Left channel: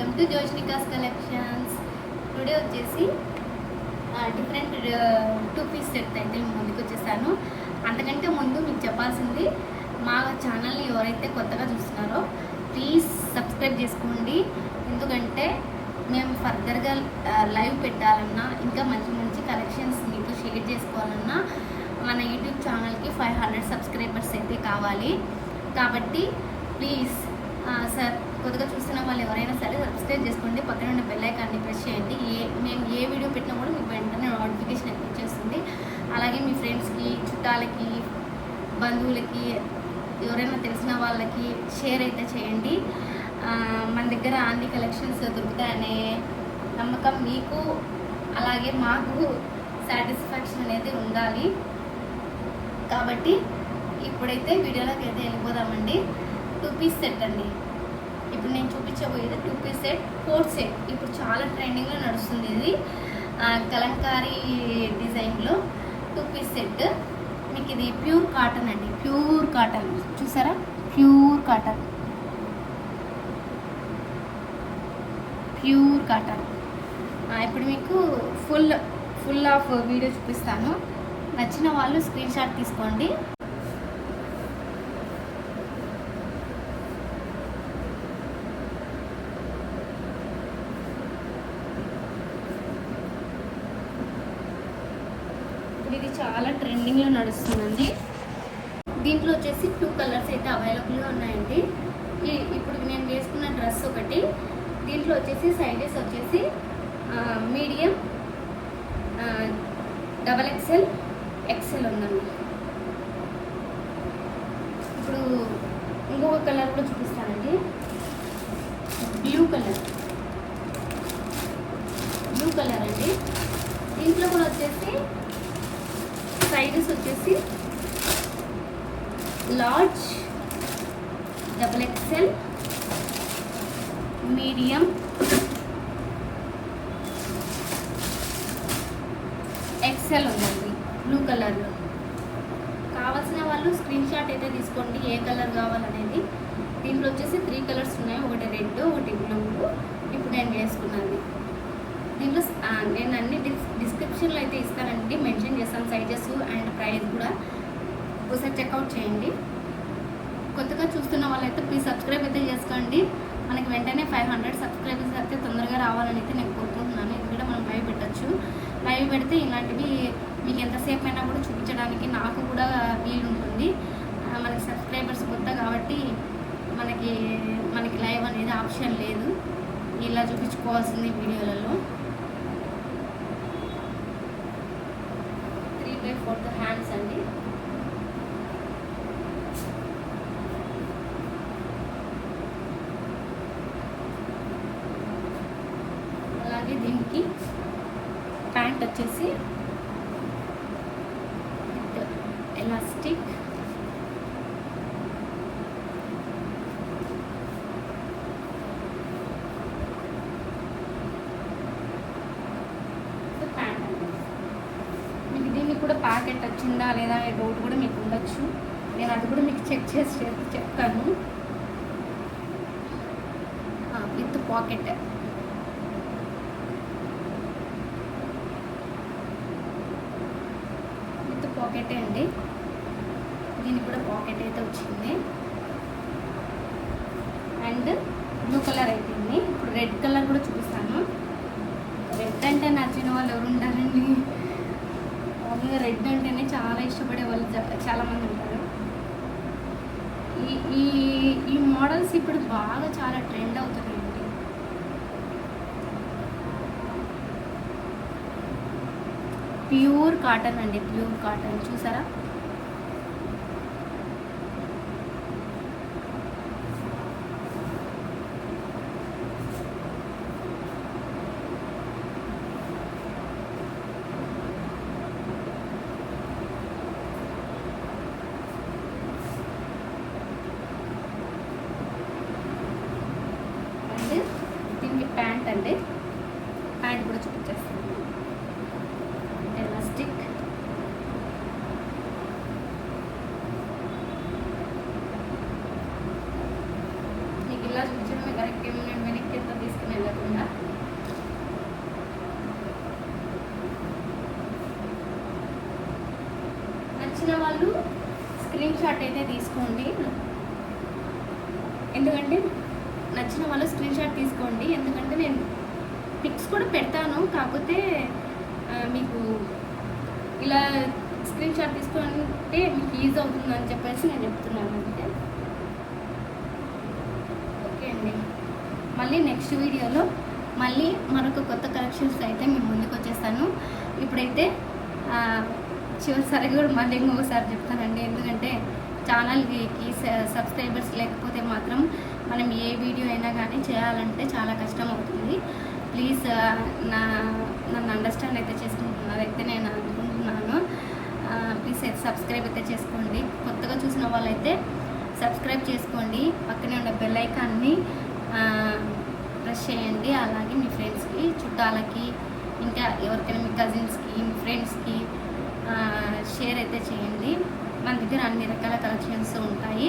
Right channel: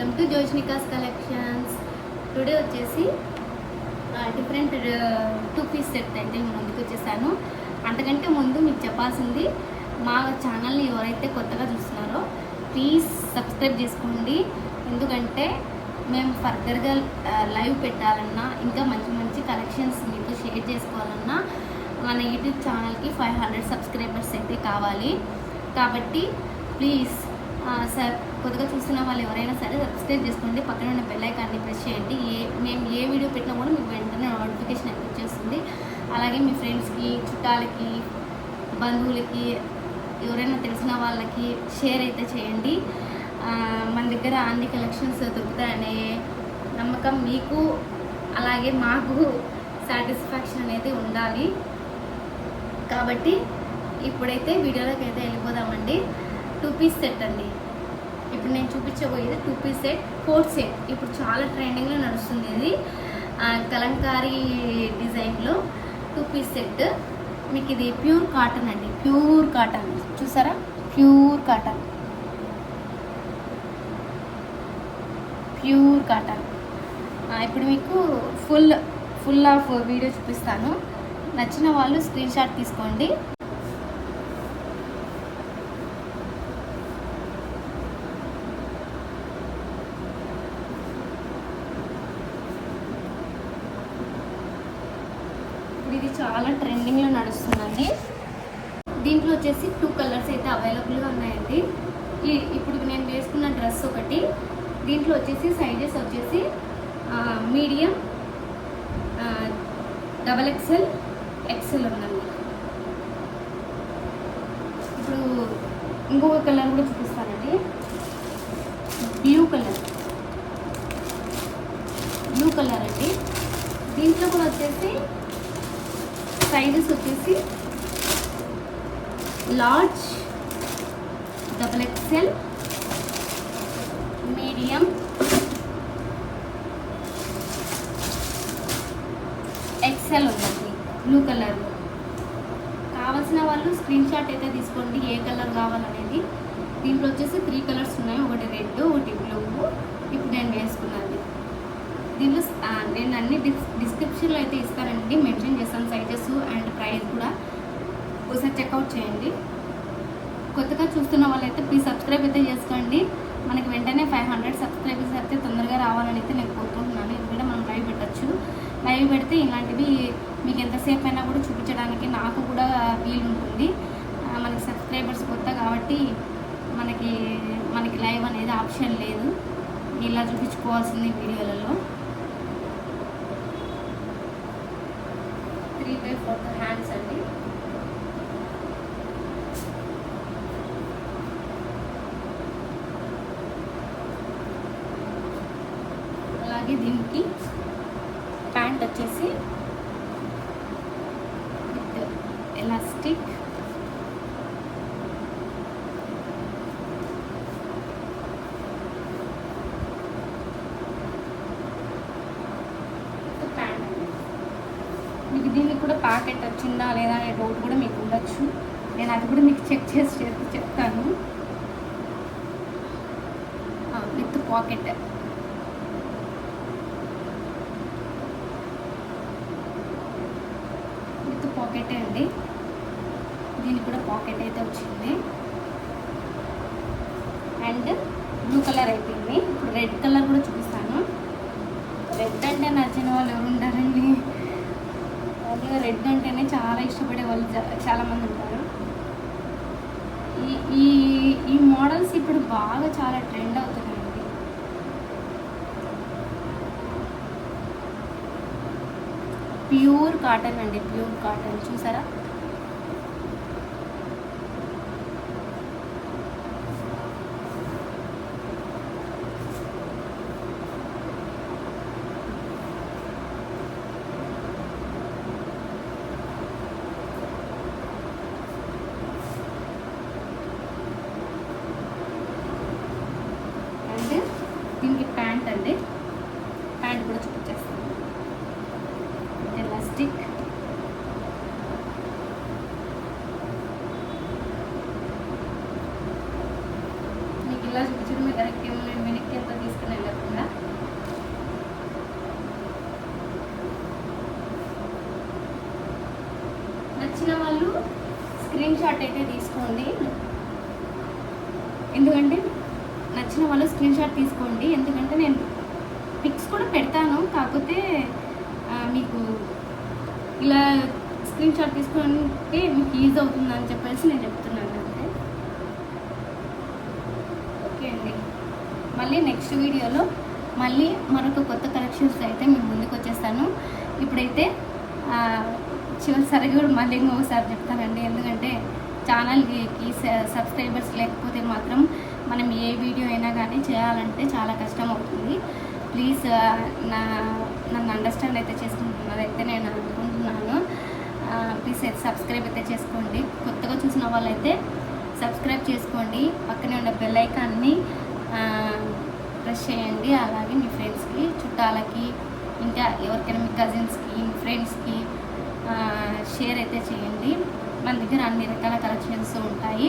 Welcome to Joshnika's collections. Today వచ్చేసి different 2 piece set అయితే నేను ముందుకు వచ్చేసాను. అంతకంటే ముందు మీకు చెప్పాల్సింది, మా ఛానల్ని ఎవరైతే కొత్తగా చూస్తున్నారో ప్లీజ్ సబ్స్క్రైబ్ చేసుకోండి. ఎందుకంటే మేము ఫర్దర్గా లైవ్ పెట్టాలన్నా, ఇంకా మంచి మంచి కలెక్షన్స్ మీతో షేర్ చేసుకోవాలన్నా మన యూట్యూబ్ ఛానల్కి 500 సబ్స్క్రైబర్స్ అయితే కావాలి. కాబట్టి ప్లీజ్ కొద్దిగా చూస్తున్న వాళ్ళు ఎవరైనా సరే సబ్స్క్రైబ్ చేసుకోండి. పక్కన ఉన్న బెల్ ఐకాన్ని ప్రెస్ చేయండి. మేము ఏ వీడియో పెట్టినా కూడా మీకు వెంటనే నోటిఫికేషన్ అయితే వచ్చేస్తుంది. అలాగే మీ ఫ్రెండ్స్కి, చుట్టాలకి, బంధువులకి, ఎవరైనా తెలిసిన వాళ్ళకి షేర్ అయితే చేయండి. మన దగ్గర అన్ని కలెక్షన్స్ దొరుకుతాయనే నమ్మకం మీకు, అలాగే మాకు సాటిస్ఫాక్షన్ అనేది ఉండాలి. కాబట్టి ఇప్పుడైతే వీడియోలోకి అయితే వెళ్ళిపోదామండి. 2 పీస్ సెట్ అండి. ఇప్పుడు నేను చూపించబోయేది 2 పీస్ సెట్, కోట్ సెట్. ఇప్పుడు చాలా ట్రెండింగ్లో నడుస్తుంది ఇది. కలంకారీ డిజైన్లో 2 పీస్ సెట్. మీకు ఇది ప్యూర్ కాటన్ అండి, ప్యూర్ కాటన్. చూసారా, ప్యూర్ కాటన్, ప్యూర్ కాటన్. ఇప్పుడు మీకు ఫుల్ ఆఫ్ వీడియో చూపిస్తాను. నచ్చిన వాళ్ళు స్క్రీన్ షాట్ తీసుకోండి. ఇది చాలా ట్రెండింగ్లో నడుస్తుందండి. దీంట్లో వచ్చేసి 2 కలర్స్ అయితే అవైలబుల్గా ఉన్నాయండి. ఇప్పుడు నేను వేసుకున్న డ్రెస్ ఒకటి. దీంట్లో వచ్చేసి సైజెస్ వచ్చేసి మీడియం, XXL, XL ఉందండి. ఇప్పుడు ఇంకొక కలర్ కూడా చూపిస్తానండి. బ్లూ కలర్ అండి. దీంట్లో కూడా వచ్చేసి సైజెస్ వచ్చేసి లార్జ్, XXL, మీడియం, XL ఉందండి బ్లూ కలర్లో. కావాల్సిన వాళ్ళు స్క్రీన్ షాట్ అయితే తీసుకోండి, ఏ కలర్ కావాలనేది. దీంట్లో వచ్చేసి 3 కలర్స్ ఉన్నాయి, ఒకటి రెడ్, ఒకటి బ్లూ. ఇప్పుడు నేను వేసుకున్నది. దీంట్లో నేను అన్ని డిస్క్రిప్షన్లో అయితే ఇస్తానండి, మెన్షన్ చేస్తాను సైజెస్ అండ్ ప్రైస్ కూడా. ఒకసారి చెక్అవుట్ చేయండి. కొత్తగా చూస్తున్న వాళ్ళైతే ప్లీజ్ సబ్స్క్రైబ్ అయితే చేసుకోండి. మనకి వెంటనే 500 సబ్స్క్రైబర్స్ అయితే తొందరగా రావాలని అయితే నేను కోరుకుంటున్నాను. ఇది కూడా మనం లైవ్ పెట్టచ్చు. లైవ్ పెడితే ఇలాంటివి మీకు ఎంతసేపు అయినా కూడా చూపించడానికి నాకు కూడా వీలు ఉంటుంది. మనకి సబ్స్క్రైబర్స్ కొత్త కాబట్టి మనకి లైవ్ అనేది ఆప్షన్ లేదు, ఇలా చూపించుకోవాల్సింది వీడియోలలో. 3/4 హ్యాండ్స్ అండి. అలాగే దీనికి ప్యాంట్ వచ్చేసి ఎలాస్టిక్, ప్యాంట్ అండి. మీకు దీనికి కూడా ప్యాక్ అయితే వచ్చిందా లేదా అనే డౌట్ కూడా మీకు ఉండొచ్చు. నేను అది కూడా మీకు చెక్ చేసి చెప్తాను. With pocket. పాకెటే అండి. దీనికి కూడా పాకెట్ అయితే వచ్చింది. అండ్ బ్లూ కలర్ అయిపోయింది. రెడ్ కలర్ కూడా చూపిస్తాను. రెడ్ అంటే నచ్చిన వాళ్ళు ఎవరు ఉంటారండి? అందులో రెడ్ అంటేనే చాలా ఇష్టపడే వాళ్ళు చాలామంది ఉంటారు. ఈ మోడల్స్ ఇప్పుడు బాగా చాలా ట్రెండ్ అవుతున్నాయండి. ప్యూర్ కాటన్ అండి, ప్యూర్ కాటన్. చూసారా, అండ్ దీనికి ప్యాంట్ అండి. ప్యాంట్ కూడా చూపించేస్తాను. ఎలాస్టిక్, మీకు ఇలా చూపించడమే కరెక్ట్ ఏమో, నేను వెనక్కి ఎంత తీసుకుని వెళ్ళకుండా. నచ్చిన వాళ్ళు స్క్రీన్ షాట్ అయితే తీసుకోండి, ఎందుకంటే నచ్చిన వాళ్ళు స్క్రీన్ షాట్ తీసుకోండి, ఎందుకంటే నేను పిక్స్ కూడా పెడతాను. కాకపోతే మీకు ఇలా స్క్రీన్ షాట్ తీసుకుంటే మీకు ఈజీ అవుతుందని చెప్పేసి నేను చెప్తున్నాను అంతే. ఓకే అండి, మళ్ళీ నెక్స్ట్ వీడియోలో మళ్ళీ మరొక కొత్త కలెక్షన్స్ అయితే మేము ముందుకు వచ్చేస్తాను. ఇప్పుడైతే చివరిసారి కూడా మళ్ళీ ఇంకొకసారి చెప్తానండి, ఎందుకంటే ఛానల్కి సబ్స్క్రైబర్స్ లేకపోతే మాత్రం మనం ఏ వీడియో అయినా కానీ చేయాలంటే చాలా కష్టం అవుతుంది. ప్లీజ్ నన్ను అండర్స్టాండ్ అయితే చేసుకుంటున్నారైతే నేను అనుకుంటున్నాను. ప్లీజ్ అయితే సబ్స్క్రైబ్ అయితే చేసుకోండి. కొత్తగా చూసిన వాళ్ళైతే సబ్స్క్రైబ్ చేసుకోండి, పక్కనే ఉండే బెల్ ఐకాన్ని ప్రెస్ చేయండి. అలాగే మీ ఫ్రెండ్స్కి, చుట్టాలకి, ఇంకా ఎవరికైనా మీ కజిన్స్కి, మీ ఫ్రెండ్స్కి షేర్ అయితే చేయండి. మన దగ్గర అన్ని రకాల కలెక్షన్స్ ఉంటాయి.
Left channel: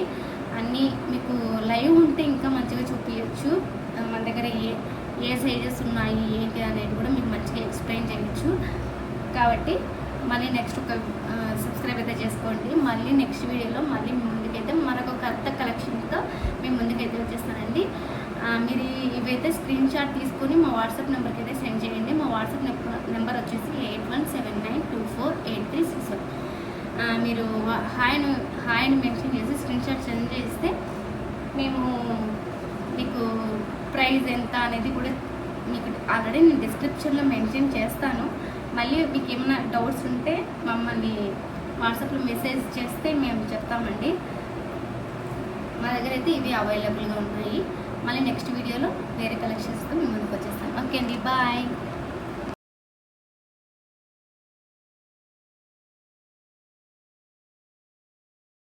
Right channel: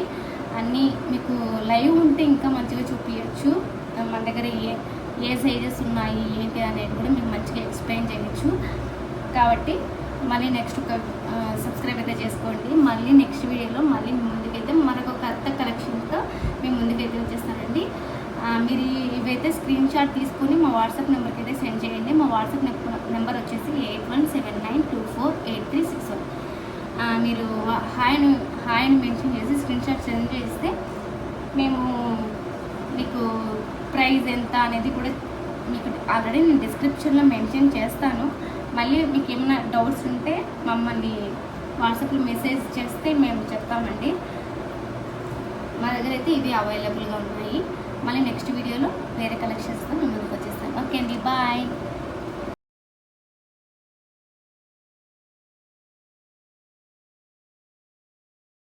అన్నీ మీకు లైవ్ ఉంటే ఇంకా మంచిగా చూపించచ్చు. మన దగ్గర ఏ సైజెస్ ఉన్నాయి ఏంటి అనేది కూడా మీకు మంచిగా ఎక్స్ప్లెయిన్ చేయొచ్చు. కాబట్టి మళ్ళీ నెక్స్ట్ ఒక సబ్స్క్రైబ్ అయితే చేసుకోండి. మళ్ళీ నెక్స్ట్ వీడియోలో మళ్ళీ ముందుకైతే మరొక కొత్త కలెక్షన్తో మేము ముందుకైతే వచ్చేస్తానండి. మీరు ఇవైతే స్క్రీన్ షాట్ తీసుకొని మా వాట్సాప్ నెంబర్కి అయితే సెండ్ చేయండి. మా వాట్సాప్ నెంబర్ వచ్చేసి 8179248361. మీరు హాయ్ని మెన్షన్ చేసి స్క్రీన్ షాట్ సెండ్ చేస్తే మేము మీకు ప్రైస్ ఎంత అనేది కూడా మీకు ఆల్రెడీ నేను డిస్క్రిప్షన్లో మెన్షన్ చేస్తాను. మళ్ళీ మీకు ఏమైనా డౌట్స్ ఉంటే మమ్మల్ని వాట్సాప్లో మెసేజ్ చేస్తే మేము చెప్తామండి. మా దగ్గర అయితే ఇవి అవైలబుల్గా ఉన్నాయి. మళ్ళీ నెక్స్ట్ వీడియోలో వేరే కలెక్షన్స్తో మేము ముందుకు వచ్చేస్తాను. ఓకే అండి, బాయ్.